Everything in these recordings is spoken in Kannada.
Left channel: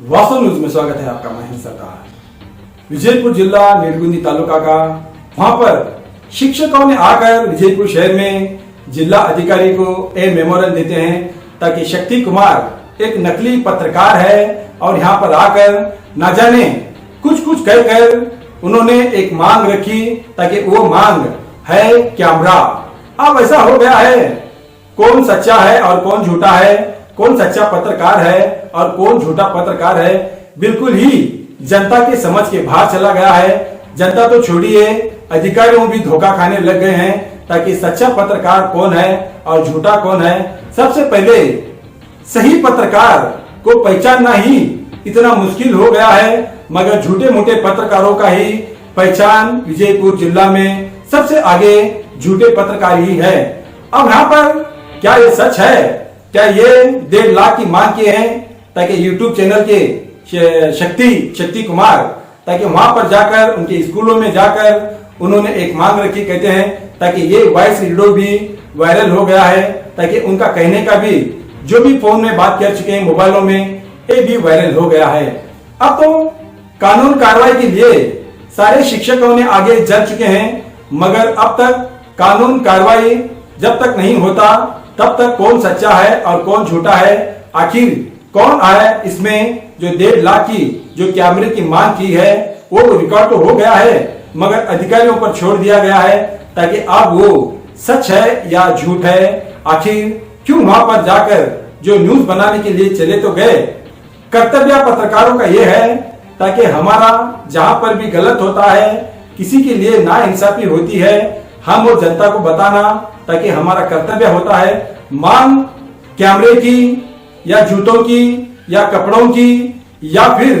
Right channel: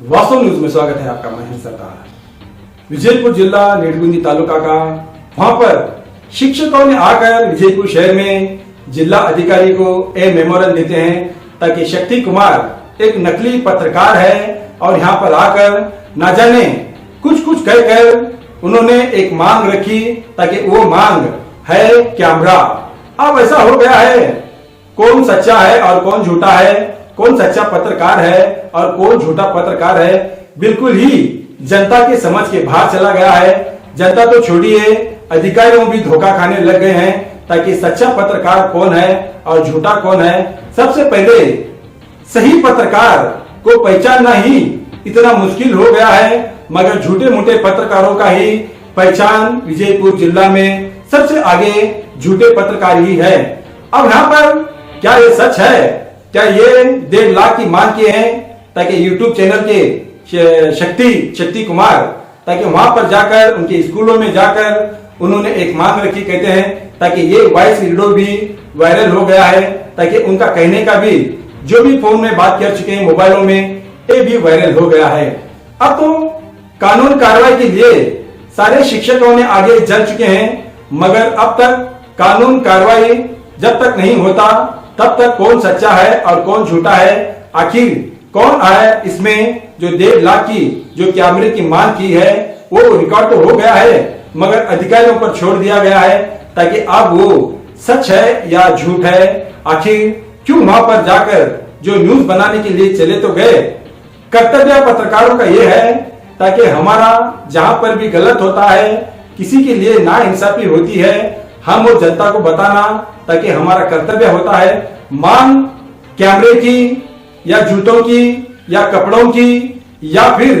वास्तव न्यूज में स्वागत है आपका। महेंद्र सरदार। विजयपुर जिला नेडगुंदी तालुका का वहां पर शिक्षकों ने आकर विजयपुर शहर में जिला अधिकारी को एक मेमोरंडम देते हैं ताकि शक्ति कुमार एक नकली पत्रकार है और यहाँ पर आकर ना जाने कुछ कहकर उन्होंने एक मांग रखी ताकि वो मांग है कैमरा। अब ऐसा हो गया है, कौन सच्चा है और कौन झूठा है, कौन सच्चा पत्रकार है और कौन झूठा पत्रकार है, बिल्कुल ही जनता के समझ के बाहर चला गया है। जनता तो छोड़िए, अधिकारियों भी धोखा खाने लग गए हैं ताकि सच्चा पत्रकार कौन है और झूठा कौन है। सबसे पहले सही पत्रकार को पहचानना ही इतना मुश्किल हो गया है, मगर झूठे मूठे पत्रकारों का ही पहचान विजयपुर जिला में सबसे आगे झूठे पत्रकार ही है। अब यहाँ पर क्या ये सच है? क्या ये 1.5 लाख की मांग किए हैं ताकि यूट्यूब चैनल के शक्ति कुमार ताकि वहां पर जाकर उनके स्कूलों में जाकर उन्होंने एक मांग रखी, कहते हैं ताकि ये वॉइस वीडियो भी वायरल हो गया है ताकि उनका कहने का भी जो भी फोन में बात कर चुके हैं मोबाइलों में ये भी वायरल हो गया है। अब तो कानून कार्रवाई के लिए सारे शिक्षकों ने आगे चल चुके हैं, मगर अब तक कानून कार्रवाई जब तक नहीं होता तब तक कौन सच्चा है और कौन झूठा है, आखिर कौन आया इसमें जो 1.5 लाख की जो कैमरे की मांग की है वो रिकॉर्ड तो हो गया है, मगर अधिकारियों पर छोड़ दिया गया है ताकि अब वो सच है या झूठ है। आखिर क्यों वहां पर जाकर जो न्यूज बनाने के लिए चले तो गए। कर्तव्य पत्रकारों का ये है ताकि हमारा जहां पर भी गलत होता है, किसी के लिए नाइंसाफी होती है, हम और जनता को बताना ताकि हमारा कर्तव्य होता है। मांग कैमरे की या जूतों की या कपड़ों की या फिर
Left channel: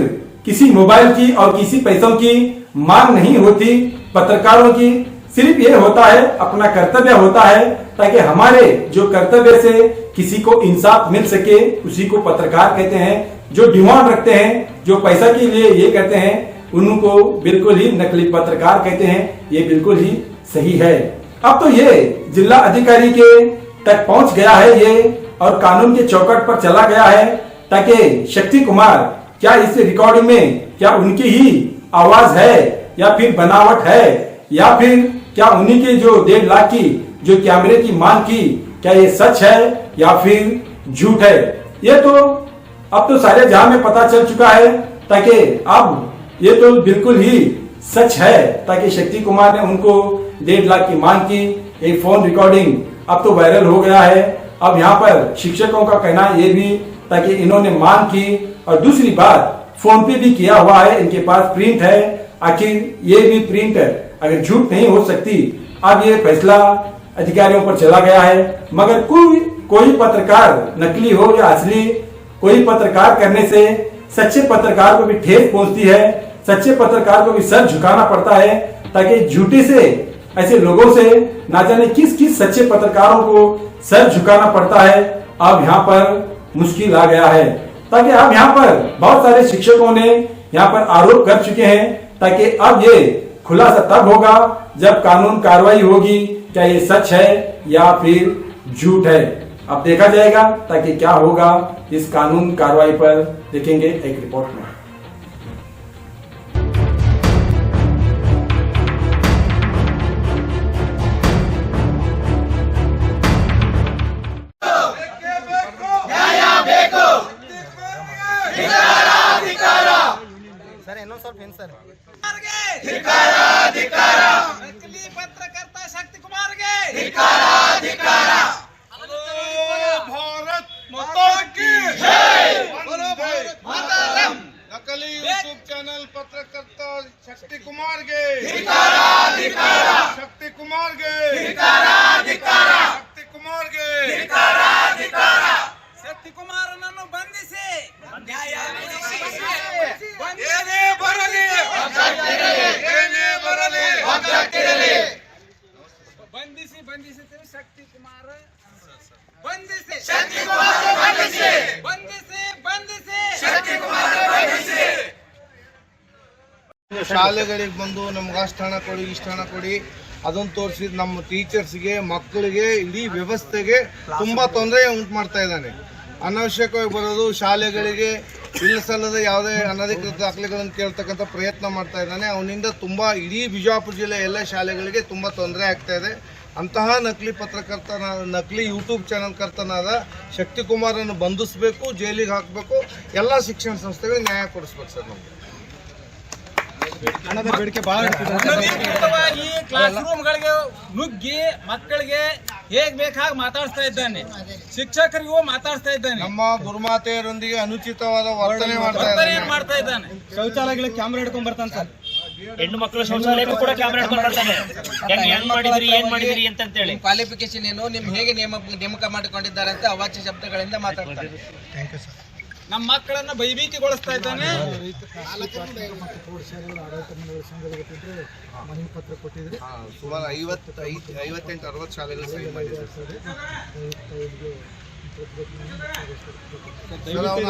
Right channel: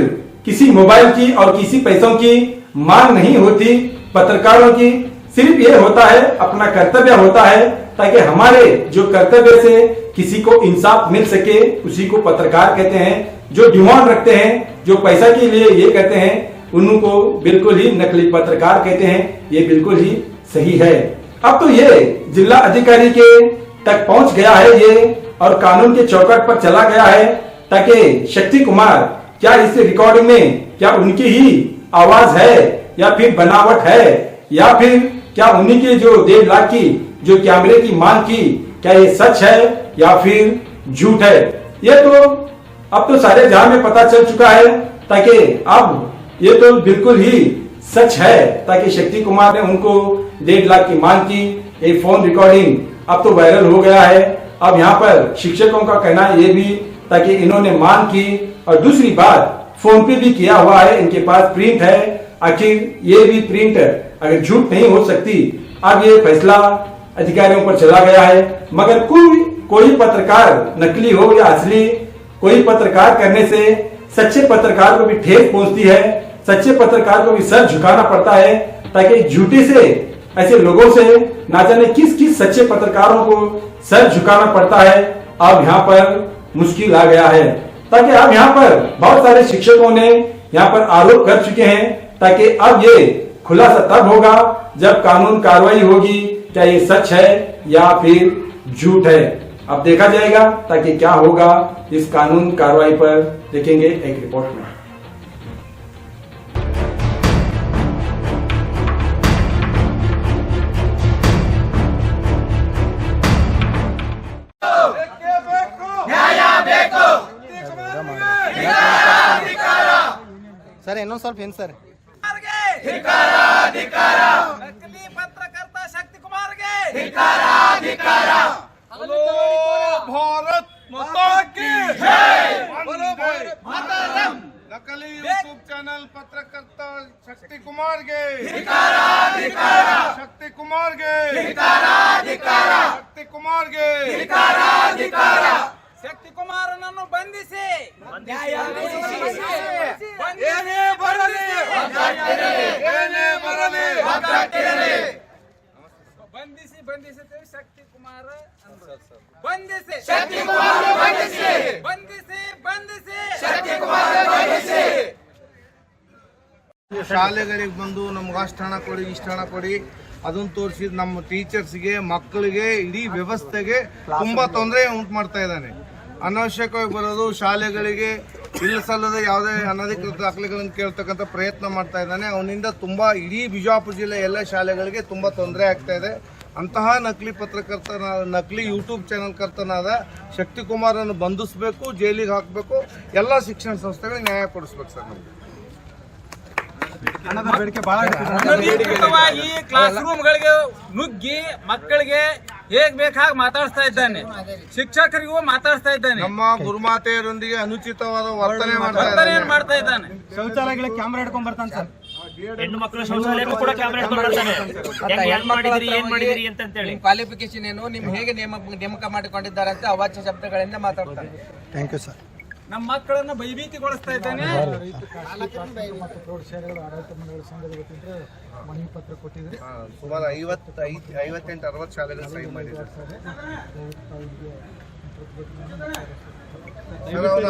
किसी मोबाइल की और किसी पैसों की मांग नहीं होती। पत्रकारों की सिर्फ ये होता है, अपना कर्तव्य होता है ताकि हमारे जो कर्तव्य से किसी को इंसाफ मिल सके, उसी को पत्रकार कहते हैं। जो डिमांड रखते हैं, जो पैसा के लिए ये कहते हैं, उनको बिल्कुल ही नकली पत्रकार कहते हैं। ये बिल्कुल ही सही है। अब तो ये जिला अधिकारी के तक पहुंच गया है ये और कानून के चौकट पर चला गया है ताकि शक्ति कुमार क्या इस रिकॉर्डिंग में क्या उनकी ही आवाज है या फिर बनावट है या फिर क्या उन्हीं के जो 1.5 लाख की जो कैमरे की मांग की क्या ये सच है या फिर झूठ है। ये तो अब तो सारे जहां में पता चल चुका है ताकि अब ये तो बिल्कुल ही सच है ताकि शक्ति कुमार ने उनको 1.5 लाख की मांग की। एक फोन रिकॉर्डिंग अब तो वायरल हो गया है। अब यहाँ पर शिक्षकों का कहना ये भी ताकि इन्होंने मांग की और दूसरी बात फोन पे भी किया हुआ है, इनके पास प्रिंट है। आखिर ये भी प्रिंट अगर झूठ नहीं हो सकती। अब ये फैसला अधिकारियों पर चला गया है, मगर कोई पत्रकार नकली हो या असली, कोई पत्रकार करने से सच्चे पत्रकार को भी ठेस पहुंचती है। सच्चे पत्रकार को भी सर झुकाना पड़ता है ताकि झूठे से ऐसे लोगों से ना जाने किस सच्चे पत्रकारों को सर झुकाना पड़ता है। अब यहाँ पर मुश्किल आ गया है ताकि अब यहाँ पर बहुत सारे शिक्षकों ने यहाँ पर आरोप कर चुके हैं ताकि अब ये खुलासा तब होगा जब कानून कार्रवाई होगी, क्या ये सच है या फिर झूठ है। अब देखा जाएगा ताकि क्या होगा इस कानून कार्रवाई पर, देखेंगे एक रिपोर्ट में। सर ಏನೋ ಸ್ವಲ್ಪ ಏನು ಸರ್ ನಕಲಿ ಪತ್ರಕರ್ತ ಶಕ್ತಿ ಕುಮಾರ್ಗೆ ಧಿಕ್ಕಾರ बोलो भारत माता की जय। वंदे मातरम। नकली यूट्यूब चैनल पत्रकर्ता शक्ति कुमार गे शक्ति कुमार गे शक्ति कुमार गे ಶಕ್ತಿ ಕುಮಾರನನ್ನು ಬಂಧಿಸಿ ನ್ಯಾಯ ಕೊಡಿಸಿ ಏನೇ ಬರಲಿ ಬಂಧಿಸಿ ಶಕ್ತಿ ಕುಮಾರ ಬಂಧಿಸಿ ಶಕ್ತಿ ಕುಮಾರ ಬಂಧಿಸಿ ಶಾಲೆಗಳಿಗೆ ಬಂದು ನಮ್ಗೆ ಅಷ್ಟು ಹಣ ಕೊಡಿ ಇಷ್ಟು ಹಣ ಕೊಡಿ ಅದನ್ನು ತೋರಿಸಿದ ನಮ್ಮ ಟೀಚರ್ಸ್ಗೆ ಮಕ್ಕಳಿಗೆ ಇಡೀ ವ್ಯವಸ್ಥೆಗೆ ತುಂಬಾ ತೊಂದರೆ ಉಂಟು ಮಾಡ್ತಾ ಇದ್ದಾನೆ। ಅನಾವಶ್ಯಕವಾಗಿ ಬರೋದು, ಶಾಲೆಗಳಿಗೆ ಇಲ್ಲ ಸಲ್ಲದ ಯಾವುದೇ ಅನಧಿಕೃತ ದಾಖಲೆಗಳನ್ನು ಕೇಳ್ತಕ್ಕಂಥ ಪ್ರಯತ್ನ ಮಾಡ್ತಾ ಇದ್ದಾನೆ. ಅವನಿಂದ ತುಂಬ ಇಡೀ ಬಿಜಾಪುರ ಜಿಲ್ಲೆ ಎಲ್ಲ ಶಾಲೆಗಳಿಗೆ ತುಂಬ ತೊಂದರೆ ಆಗ್ತಾ ಇದೆ. ಅಂತಹ ನಕಲಿ ನಕಲಿ ಯೂಟ್ಯೂಬ್ ಚಾನಲ್ ಕರ್ತನಾದ ಶಕ್ತಿಕುಮಾರನ್ನು ಬಂಧಿಸಬೇಕು, ಜೈಲಿಗೆ ಹಾಕಬೇಕು, ಎಲ್ಲ ಶಿಕ್ಷಣ ಸಂಸ್ಥೆಗಳಿಗೆ ನ್ಯಾಯ ಕೊಡಿಸ್ಬೇಕು ಸರ್. ನಮಗೆ ಅನಧಿಕೃತವಾಗಿ ಕ್ಲಾಸ್ ರೂಮ್ಗಳಿಗೆ ನುಗ್ಗಿ ಮಕ್ಕಳಿಗೆ ಹೇಗ್ ಬೇಕಾಗಿ ಮಾತಾಡಿಸ್ತಾ ಇದ್ದಾನೆ, ಶಿಕ್ಷಕರಿಗೂ ಮಾತಾಡಿಸ್ತಾ ಇದ್ದಾನೆ, ನಮ್ಮ ಗುರುಮಾತೆಯರೊಂದಿಗೆ ಅನುಚಿತವಾದ ವರ್ತನೆ ಮಾಡ್ತಾ ಇದ್ದಾನೆ. ಶೌಚಾಲಯಗಳಿಗೆ ಕ್ಯಾಮೆರಾ ಹಿಡ್ಕೊಂಡ್ ಬರ್ತಾನೆ ಸರ್. ಹೆಣ್ಣು ಮಕ್ಕಳ ಶೌಚಾಲಯಕ್ಕೂ ಕೂಡ ಕ್ಯಾಮೆರಾ ಹಿಡ್ಕೊಂಡು ಬರ್ತಾನೆ. ಹೆಂಗ್ ಮಾಡಿದಿರಿ ಏನ್ ಮಾಡಿದಿರಿ ಅಂತ ಹೇಳಿ. ಕ್ವಾಲಿಫಿಕೇಶನ್ ಏನು, ನಿಮ್ ಹೇಗೆ ನೇಮಕ ಮಾಡಿಕೊಂಡಿದ್ದಾರೆ ಅಂತ ಅವಾಚ್ಯ ಶಬ್ದಗಳಿಂದ ಮಾತಾಡ್ತಾರೆ. Thank you sir. ನಮ್ಮ ಮಕ್ಕಳನ್ನ ಭಯಭೀತಿಗೊಳಿಸ್ತಾ ಇದ್ದಾನೆ. ಸುಮಾರು 58-60 ಶಾಲೆಗಳು ಸಹಿ ಮಾಡಿದ್ದಾರೆ ಸರ್. ಅವನು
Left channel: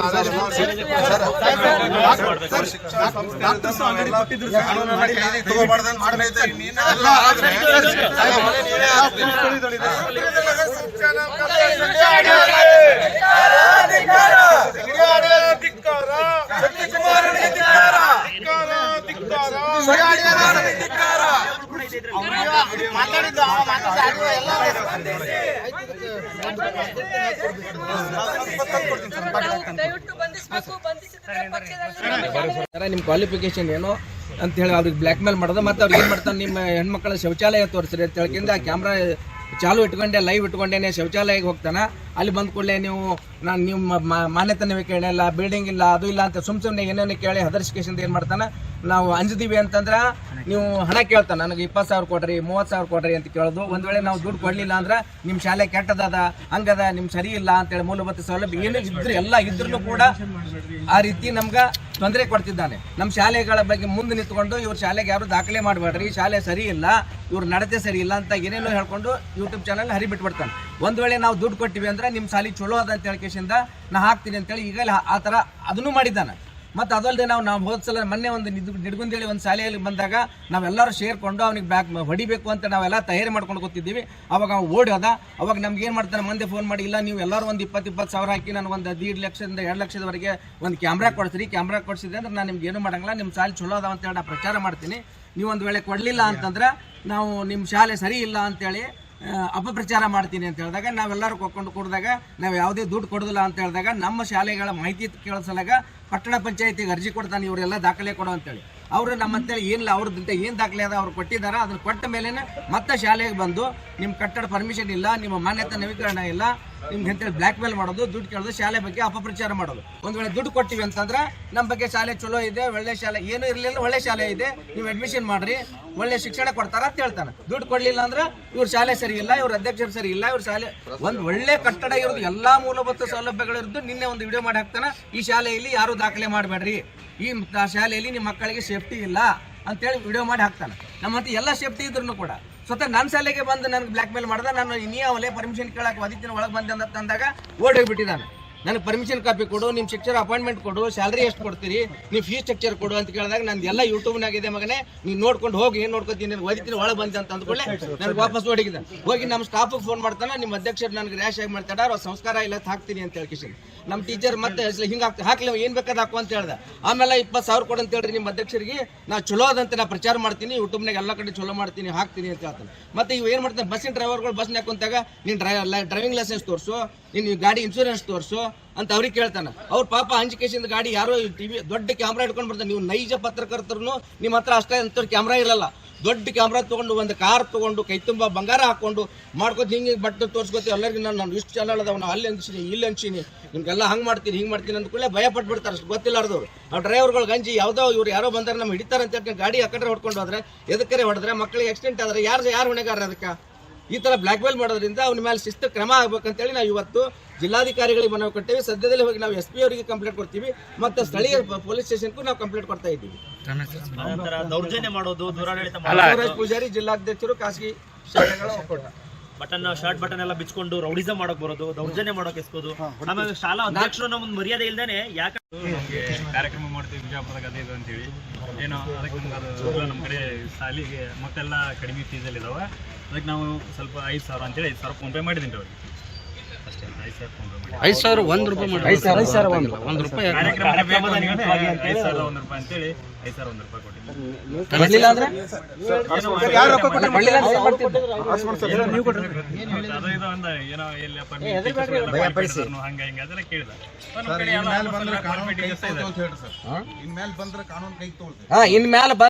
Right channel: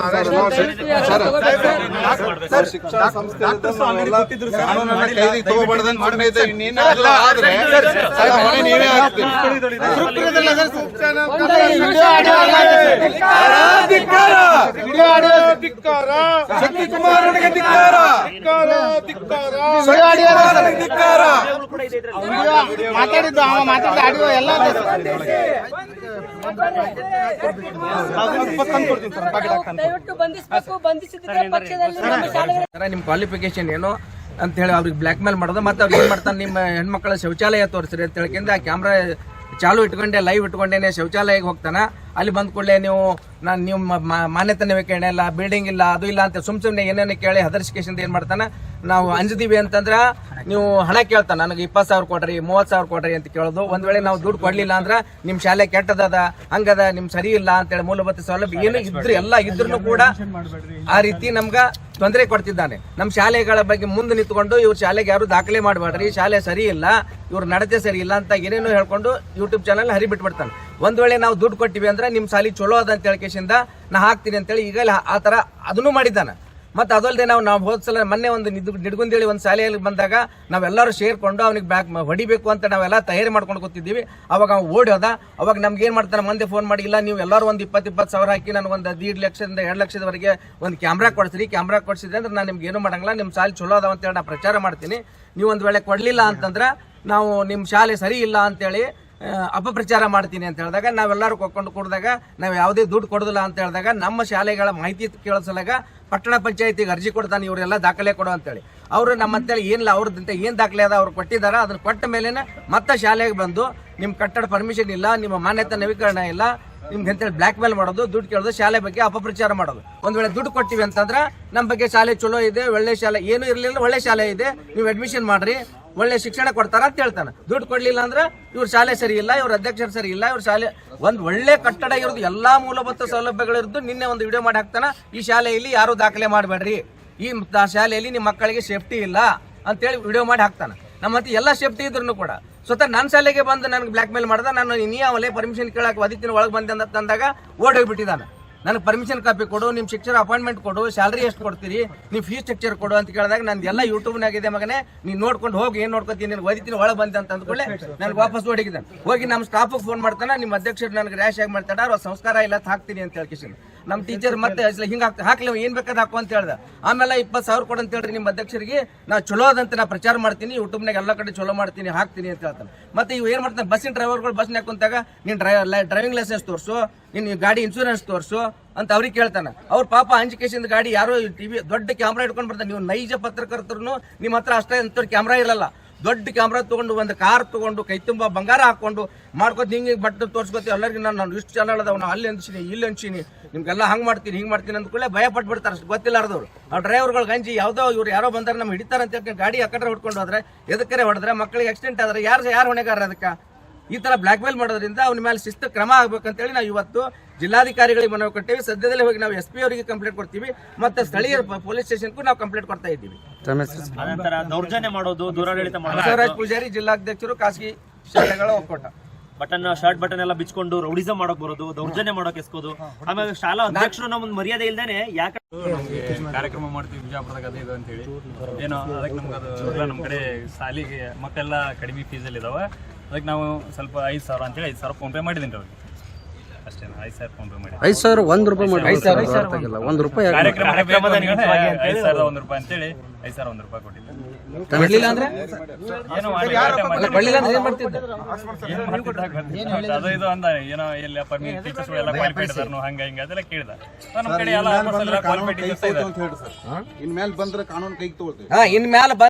ಅರೆಸ್ಟ್ ಕೈದಿ ತಗೋಬಾರ್ದಂತ ಮಾಡಿದೆ. ನಿಮ್ ಕ್ವಾಲಿಫಿಕೇಶನ್ ಏನು ಅಂತ ಹೇಳಿ ಅವ್ರಿಗೆ ಬ್ಲ್ಯಾಕ್ ಮೇಲ್ ಮಾಡೋದು. ಮತ್ತೆ ಅವ್ರಿಗೆ ಏನ್ ಮಾಡ್ತಾನೆ, ನಿಮ್ಮ ಹೆಣ್ಮಕ್ಳ ಶೌಚಾಲಯ ತೋರಿಸ್ರಿ ಅಂತ ಹೇಳ್ಕೊಂಡು ಆ ಕ್ಯಾಮ್ರಾ ಚಾಲು ಇಟ್ಕೊಂಡೆ, ಲೈವ್ ಇಟ್ಕೊಂಡೇನೆ ಶೌಚಾಲಯಕ್ಕೆ ಹೋಗ್ತಾನೆ. ಅಲ್ಲಿ ಬಂದ ಕೂಡಲೇ ನೀವು ಮಾನ್ಯತೆ ನವೀಕರಣ ಇಲ್ಲ, ಬಿಲ್ಡಿಂಗ್ ಇಲ್ಲ, ಅದು ಇಲ್ಲ ಅಂತ ಸುಮ್ಮನೆ ಏನೇನು ಕೇಳಿ ಹದರ್ಸಿಕೇಶನ್ ಏನು ಮಾಡ್ತಾನೆ, ನಾವು ಅಂಜಿದೀವಿ ಅಂತಂದ್ರೆ ನೀವು ಹಣ ಕೇಳ್ತಾನೆ, ನನಗೆ 20,000 ಕೊಡ್ರಿ, 30,000 ಕೊಡ್ರಿ ಅಂತ ಕೇಳೋದು. ಒಂದ್ ವೇಳೆ ನಾವು ದುಡ್ಡು ಕೊಡ್ಲಿಲ್ಲ ಅಂದ್ರೆ ನಿಮ್ಮ ಶಾಲೆ ಕೆಟ್ಟದದ, ಹಂಗದ, ನಿಮ್ ಸರಿ ಇಲ್ಲ ಅಂತೇಳಿ ಮೂಲಭೂತ ಸೌಲಭ್ಯ ಏನು ಇದ್ರು ಎಲ್ಲ ಇದ್ರೂ ಕೂಡ ಆ ರೀತಿ ನಮ್ಗೆ ತೊಂದರೆ ಕೊಡ್ತಿದ್ದಾನೆ. ನಮ್ಮ ಶಾಲೆಗಳ ಬಗ್ಗೆ ಮುಂದೆ ನಿಂತ್ಕೊಂಡು ಇವ್ರ ಶಾಲೆಗೆ ಯಾರು ದಾಖಲೆ ಮಾಡಬೇಡ್ರಿ, ಶಾಲೆ ಸರಿ ಇಲ್ಲ, ಇವ್ರ ನಡತೆ ಸರಿ ಇಲ್ಲ ಅಂತ ಏನೇನೋ ಹೇಳ್ಕೊಂಡು ಯೂಟ್ಯೂಬ್ ಚಾನಲ್ ಹರಿಬಿಟ್ಬಿಡ್ತಾನೆ. ಒಂದ್ ವೇಳೆ ನಾವು ದುಡ್ಡು ಕೊಟ್ಟಿವಿ ಅಂದ್ರೆ ನಿಮ್ಮ ಶಾಲೆ ಚಲೋ ಅದ ಅಂತ ಹೇಳ್ಕೇಶಿಂದ ನಾ ಹಾಕ್ತೀನಿ ಅಂತೇಳಿ ಈಗ ಆ ಥರ ಅದನ್ನು ಮಾಡಿದ್ದಾನೆ. ಮತ್ತು ಅದಲ್ಲದೆ ನಾವು ಹೋದ ಸಲ ಮೊನ್ನೆ ಒಂದು ನಿಡ್ಗುಂದೇಳಿ ಒಂದು ಶಾಲೆಯಲ್ಲಿ ಬಂದಾಗ ನಾವೆಲ್ಲರೂ ಸೇರ್ಕೊಂಡು ಅವ್ನಿಗೆ ಹೊಡಿಬೇಕು ಅಂತ ನಾವೆಲ್ಲ ತಯಾರಿ ಮಾಡ್ಕೊಂಡು ಕೂತಿದ್ದೀವಿ. ಅವಾಗ ಅವ್ನು ಓಡಿ ಹೋದ. ಅವಾಗ ನಮ್ಗೆ ಏನು ಮಾಡ್ತಾನೆ, ಮಂದಿ ಫೋನ್ ಮಾಡಿ, ಇಲ್ಲ ನೀವು ಎಲ್ಲರೂ ಒಂದು 20,000 ಸಾವಿರ ಹಾಕಿ ನನಗೊಂದು 1.5 ಲಕ್ಷದಿಂದ 2 ಲಕ್ಷದವರೆಗೆ ಒಂದು ಕ್ಯಾಮ್ರಾ ಕೊಡಿಸ್ರಿ, ಕ್ಯಾಮ್ರಾ ಕೊಡಿಸಿದ್ರೆ ಅಂದ್ರೆ ನಾನು ನಿಮ್ಗೆ ಏನು ಮಾಡಂಗಿಲ್ಲ, ನಿಮ್ಮ ಶಾಲೆ ಚಲೋ ಅದಾವ ಅಂತೇಳಿ ನಾನು ಪ್ರಚಾರ ಮಾಡ್ತೀನಿ. ನೀವು ಒಂದು ವೇಳೆ ಕೊಡಲಿಲ್ಲ ಅಂತಂದ್ರೆ ನಾವು ನಿಮ್ಮ ಶಾಲೆ ಸರಿ ಇಲ್ಲ ಅಂತೇಳಿ ಅಪಪ್ರಚಾರ ಮಾಡ್ತೀನಿ ಅಂತ ಹೇಳಿದಾಗ ನಾವೆಲ್ಲರೂ ಕೊಕ್ಕೊಂಡು ಕೂಡಿದಾಗ ನಾವು ಯಾವುದೇ ದುಡ್ಡು ಕೊಡೋದಿಲ್ಲ ಅಂತ ಹೇಳಿದಾಗ ನಮ್ಮ ಶಾಲೆಗಳ ಮಾಹಿತಿ ಕೇಳಿಸಲಾಗ ಪಟ್ಟಣ ಪಂಚಾಯತಿಗೆ ಅರ್ಜಿ ಕೊಡ್ತಾನೆ, ಇವರೆಲ್ಲ ದಾಖಲೆ ಕೊಡು ಅಂತೇಳಿ. ಅವರು ನಮ್ಮ ಅಂತೇಳಿ ಏನಿಲ್ಲ, ಅವ್ರದ್ದಂತೆ ಏನು ದಾಖಲೆ ಅದ ಅವ್ರು ಕೊಟ್ಟಿದ್ದಾರೆ, ಅದನ್ನು ಕೊಟ್ಟ ಮೇಲೆ ಮತ್ತೆ ಶಾಲೆಗೆ ಬಂದು ನಿಮ್ಮ ಕಟ್ಟಡ ಪರ್ಮಿಷನ್ ಇಲ್ಲ, ನಿಮ್ಮ ಮಾನ್ಯತೆ ನವೀಕರಣ ಇಲ್ಲ, ನಿಮ್ಗೆ ಅಂತೇಳಿ ಬ್ಲ್ಯಾಕ್ ಮೇಲ್ ಮಾಡೋದು, ದುಡ್ಡು ಕೇಳೋದು, ಶಾಲೆ ಬಗ್ಗೆ ಅಪಪ್ರಚಾರ ಮಾಡೋದು. ಒಂದು ವೇಳೆ ದುಡ್ಡು ಕೊಟ್ಟಿವಿ ಅಂತಂದ್ರೆ ನಮ್ಮ ಬಗ್ಗೆ ಶಾಲೆ ಚಲೋ ಇದೆ, ಒಳ್ಳೆ ಶಾಲೆ, ಏನೂ ಇರಲಿಲ್ಲ, ಒಳ್ಳೆ ಶಾಲೆ ಇದೆ, ನೀವು ಅಡ್ಮಿಷನ್ ಮಾಡ್ರಿ, ಒಳ್ಳೆ ಶಿಕ್ಷಣ ಕೊಡ್ತಾರ ಅಂತ ಹೇಳ್ತಾನೆ. ದುಡ್ಡು ಕೊಡ್ಲಿಲ್ಲ ಅಂದ್ರೆ ಇವ್ರ ಶಾಲೆ ಸರಿ ಇಲ್ಲ, ಇವ್ರ ಅಧ್ಯಕ್ಷರು ಸರಿ ಇಲ್ಲ, ಇವ್ರ ಶಾಲೆ ಒಂದು ಒಳ್ಳೆ ಕಟ್ಟಡ ಇರೋದು, ಎಲ್ಲಾ ಮೂಲಭೂತ ಸೌಲಭ್ಯಗಳಿರೋದು. ನಿನ್ನೆ ಒಂದು ವಿಡಿಯೋ ಮಾಡಿ ಹಾಕ್ತಾನೆ, ಈ ಶಾಲೆಯಲ್ಲಿ ಯಾರು ದಾಖಲೆ ಮಾಡಬೇಡ್ರಿ, ಈ ಶಾಲೆಯಲ್ಲಿ ನಿಮ್ಮ ಮಕ್ಕಳಿಗೆ ಸೇಫ್ಟಿ ಇಲ್ಲ ಅಂತೇಳಿ ವಿಡಿಯೋ ಮಾಡಿ ಹಾಕ್ತಾನೆ. ನಮ್ಮ ಹತ್ರ ಎಲ್ಲ ಸೇಫ್ಟಿ ಇದ್ರೂ ಕೂಡ ಸ್ವತಃ ನನ್ನ ಶಾಲೆಗೆ ಬಂದು ನನಗೆ ಬ್ಲ್ಯಾಕ್ ಮೇಲ್ ಮಾಡ್ದ. ನಾನು ನೀ ಅವಲೇ ಪರ್ಮಿಷನ್ ಕೇಳಕ್ಕೆ ಒದಿತಿನ ಒಳಗೆ ಬಂದೆ ಅಂತ ತಂದಾಗ ಓಡೋಗ್ಬಿಟ್ಟಿದ್ದಾನೆ. ನನಗೆ ಪರ್ಮಿಷನ್ ಕಾಪಿ ಕೊಡು, ನಿಮ್ಮ ಶಿಕ್ಷರ ಅಪಾಯಿಂಟ್ಮೆಂಟ್ ಕೊಡು, ಸ್ಯಾಲ್ರಿ ಎಷ್ಟು ಕೊಡ್ತೀರಿ, ನೀವು ಫೀಸ್ ಸ್ಟ್ರಕ್ಚರ್ ಕೊಡು ಅಂತ ಕೇಳಿದಾಗ ನಂದು ಎಲ್ಲ ಯೂಟ್ಯೂಬ್ನಾಗಿದೆ ಮಗನೇ, ನೀನು ನೋಡ್ಕೊಂಡು ಹೋಗಿ, ಏನು ನೋಡ್ಕೊತೀನಿ, ನಿನಗೆ ಒದಿತೀನಿ ಒಳಗೆ ಬಂದೆ ಅಂತ ಅಂದ್ಕೊಳ್ಳೆ ನನಗೆ ವಾಪಸ್ ಓಡಿಗಿದ್ದಾನೆ. ಹೋಗಿ ನಮ್ಮ ಸ್ಟಾಫಿಗೆ ಫೋನ್ ಮಾಡ್ತಾನೆ, ನಿಮ್ಮ ಅಧ್ಯಕ್ಷರು ನನಗೆ ರ್ಯಾಶ್ ಆಗಿ ಮಾಡ್ತಾರ, ಅವ್ರು ಸಂಸ್ಕಾರ ಇಲ್ಲ ಹಾಕ್ತೀನಿ ಅಂತ ಹೇಳ್ಕಿಸಿ. ನಮ್ಮ ಟೀಚರ್ ಮತ್ತೆ ಹಿಂಗೆ ಹಾಕ್ಲಿ ಏನು ಬೇಕಾದ ಹಾಕು ಅಂತ ಹೇಳ್ದೆ. ಆಮೇಲೆ 20,000 ಕೊಡು ಅಂತ ಹೇಳ್ರಿ ನಿಮ್ಮ ಅಧ್ಯಕ್ಷರಿಗೆ, ನಾವು ಚಲೋ ಅದಂತ ನಾ ಪ್ರಚಾರ ಮಾಡ್ತೀನಿ, ಯೂಟ್ಯೂಬ್ನಾಗ ಎಲ್ಲ ಕಡೆ ಚಲೋ ಮಾಡ್ತೀನಿ, ಹಾಕ್ತೀನಿ ಅಂತ ಹೇಳ್ತಾನೆ. ಮತ್ತೆ ಇವು ಏನು ಮಾಡ್ತಾನೆ, ಬಸ್ಸಿನ ಡ್ರೈವರ್ಗಳು ಬಸ್ನಾಗ ಕುಂತಾಗ ನೀನು ಡ್ರೈವಿಂಗ್ ಲೈಸೆನ್ಸ್ ತೋರಿಸು, ನೀನು ಗಾಡಿ ಇನ್ಶೂರೆನ್ಸ್ ತೋರಿಸು ಅಂತ ಅವ್ರಿಗೆ ಕೇಳ್ತಾನೆ. ಅವ್ರ ಪಾಪ ಅಂಜಿಕೆಸಿಂದ ಗಾಡಿ ಯಾರೋ ಟಿವಿ ದೊಡ್ಡ ಕ್ಯಾಮ್ರಾ ಇಟ್ಕೊಂಡು ಬರ್ತಾನೆ. ನೀವು ನೈಜ ಪತ್ರಕರ್ತರು ನಿಮ್ಮ ಹತ್ರ ಅಷ್ಟೇ ಅಂತ ಕ್ಯಾಮ್ರಾ ಇರಲ್ಲ, ದೊಡ್ಡ ಕ್ಯಾಮ್ರಾ ತೊಗೊಂಡು ಒಂದು ಕಾರ್ ತೊಗೊಂಡು ಕೈ ತುಂಬ ಬಂಗಾರ ಹಾಕೊಂಡು ಮಾಡ್ಕೊತ ಹಿಂಗೆ ಬಟ್ಟೆ ತೋರಿಸ್ಕೊತೀವಿ ಎಲ್ಲರಿಗೆ. ನಾನು ಇಷ್ಟು ಚಾನಲ್ ಅದಾವ, ನಾವು ಅಲ್ಲಿ ಅನ್ಸಿನಿ, ಇಲ್ಲಿ ಅನ್ಸಿನಿ, ನಿಮ್ಗೆಲ್ಲ ಹಂಗೆ ಮಾಡ್ತೀನಿ, ಹಿಂಗೆ ಮಾಡ್ತೀನಿ ಅಂದ್ಕೊಳ್ಳೆ ಭಯ ಪಟ್ಬಿಡ್ತಾರೆ. ಅಷ್ಟು ಗೊತ್ತಿಲ್ಲಾರ್ದವ್ರು ಆ ಡ್ರೈವರ್ಗಳು ಗಂಜಿ ಯಾವುದೋ ಇವ್ರು ಯಾರೋ ಬಂದಾರೆ ನಮ್ಗೆ ಹಿಡಿತಾರೆ ಅಂತ ಹೇಳ್ಕೊಂಡು ಗಾಡಿ ಆ ಕಡೆ ಹೊಡ್ಕೊಂಡು ಹೋದ್ರೆ, ಎದಕ್ಕರೆ ಹೊಡೆದ್ರೆ, ಮಕ್ಕಳಿಗೆ ಆಕ್ಸಿಡೆಂಟ್ ಆದರೆ ಯಾರು ಹೊಣೆಗಾರ ಅದಕ್ಕೆ? ಈ ಥರ ಬ್ಲ್ಯಾಕ್ ಮೇಲ್ ಮಾಡೋದ್ರಿಂದ ಅವನ ಮೇಲೆ ಶಿಸ್ತು ಕ್ರಮ ಆಗ್ಬೇಕಂತೇಳಿ ನಾವು ಇವತ್ತು ಜಿಲ್ಲಾಧಿಕಾರಿಗಳಿಗೆ ಮನವಿ ಕೊಟ್ಟೇವಿ. ಸದ್ಯದಲ್ಲೇ ಹೋಗಿ ನಾವು SP ಅವರಿಗೆ ಕಂಪ್ಲೇಂಟ್ ಕೊಡ್ತೀವಿ, ಮತ್ತು ಸ್ಥಳೀಯ ಪೊಲೀಸ್ ಸ್ಟೇಷನ್ಗೂ ನಾವು ಕಂಪ್ಲೇಂಟ್ ಕೊಡ್ತಾ ಇದ್ದೀವಿ. ದೌರ್ಜನ್ಯ ಮಾಡೋದು, ದೂರಾಡಳಿತ ಬಸವರಾಜ್ ಪೂಜಾರಿ, ಜಿಲ್ಲಾಧ್ಯಕ್ಷರು, ಖಾಸಗಿ ಶಾಲೆಗಳ ಒಕ್ಕೂಟ. ಬಟನ್ ಶರ್ಟ್ ಬಟನ್ ಎಲ್ಲ ಬಿಚ್ಕೊಂಡು ರೌಡಿಸಂ ಮಾಡಕ್ ಬರೋದು, ದೌರ್ಜನ್ಯ ಮಾಡಕ್ ಎಸ್ಕೋದು, ಆಮೇಲೆ ಶಾಲಾ ಅಧ್ಯಕ್ಷರು ನಮ್ಮೊಂದು ಮರ್ಯಾದೆ ಇಲ್ದೇನೆ ಯಾಕೆ ನಮಗೆ ಕಾರ್ಯಕ್ರಮ ಮಾಡ್ತೀವಿ ಬಿಜಾಪುರದಾಗ ಅದೇ ಇದು ಅಂತೇಳಿ ಏನೋ ಅದಕ್ಕೆ ನಮ್ಗೆ ಅದು ನಮ್ಮ ಕಡೆ ಶಾಲೆಗೆ ಮತ್ತೆಲ್ಲ ಕಡಿಮೆ ಫೀಸಲ್ಲಿ ಇದಾವೆ. ಅದಕ್ಕೆ ನಾವು ಸ್ವಲ್ಪ 5,000 ಅಂತೇಳಿ 5,000 ಫೋನ್ ಪೇ ಮಾಡಿದ್ದೀನಿ ರೀ ಅವ್ರಿಗೆ. ಅಷ್ಟೇ 5,000 ಫೋನ್ ಪೇ ಮಾಡಿ 5,000 1 ರೂಪಾಯಿ ಮಾಡಿ 5,000 1 ರೂಪಾಯಿ ಕಾರ್ಯಕ್ರಮದ ನಿಮಿತ್ತವಾಗಿ 5,000 1 ರೂಪಾಯಿ ಅಂತೇಳಿ 5,000 1 ರೂಪಾಯಿ ಕೊಟ್ಟಿದ್ದೆ. ಕೊಡ್ಲಿಲ್ಲ ಅಂದ್ರೆ ಏನೋ ಮಾಡಿ ಅಲ್ಲ ಕೊಡ್ಲಿಲ್ಲ ಅಂದ್ರೆ ಏನ್ ಮಾಡ್ತಿದ್ದೆ? ಅದು ಇದು ಅಂದ ಏನೋ ಎಲ್ಲ ಟೀಚರ್ಸ್ ಎಲ್ಲ ಕ್ವಾಲಿಫೈಡ್ ಇದಾರು ಹಂಗ ಹಿಂಗ ಅದೆಲ್ಲ ಕೇಳಿದ ನಮ್ಮ ಕಡೆ ಎಲ್ಲ ಕ್ವಾಲಿಫೈಡ್ ಟೀಚರ್ಸ್ ಇದ್ದಾರೆ. ಇನ್ ಮ್ಯಾಲ